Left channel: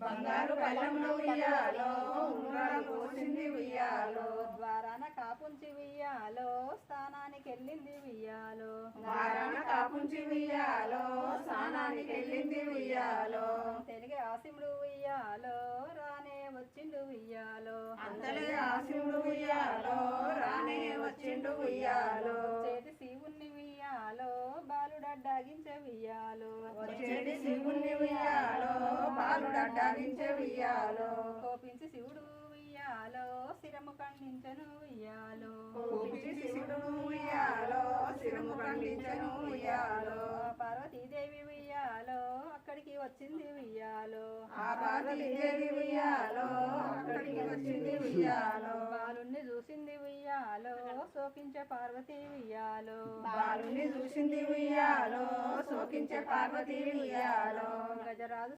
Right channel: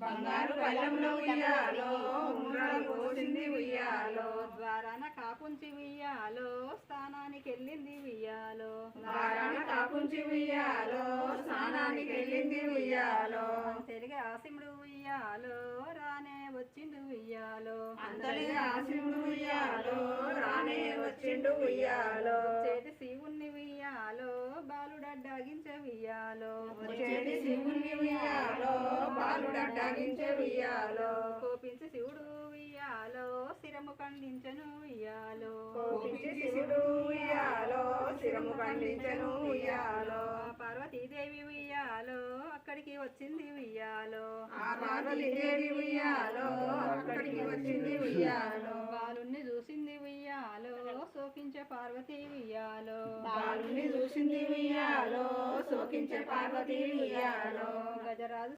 బంగారు పళ్ళెంలో ఉయ్యాలో ఉంగరాలు పోసింది ఉయ్యాలో ద్వారాన కాపుంచి ఉయ్యాలో స్థానానికి వెళ్ళింది ఉయ్యాలో ద్వారాన కాపుంచి ఉయ్యాలో స్నానానికి వెళ్ళింది ఉయ్యాలో తెలుగు ఆసిముడు ఉయ్యాలో రానే వచ్చిండు ఉయ్యాలో అంతలే ఆశివుడు ఉయ్యాలో రానే వచ్చిండు ఉయ్యాలో చేతి శివుణ్ణి ఉయ్యాలో బాలుడడ్డాగించే ఉయ్యాలో వచ్చేటి శివుని ఉయ్యాలో బాలుడడ్డాగించే ఉయ్యాలో కోపించి శివుడు ఉయ్యాలో శిరము ఖండించను ఉయ్యాలో కోపించి శివుడు ఉయ్యాలో శిరము ఖండించను ఉయ్యాలో పార్వతీదేవి ఉయ్యాలో అక్కడికి వచ్చింది ఉయ్యాలో ఆ పార్వతీదేవి ఉయ్యాలో అక్కడికి వచ్చింది ఉయ్యాలో బాలుణ్ణి చూసింది ఉయ్యాలో శోకించే పార్వతి ఉయ్యాలో బాలుని చూసింది ఉయ్యాలో శోకించే పార్వతీ ఉయ్యాలో గజరాజు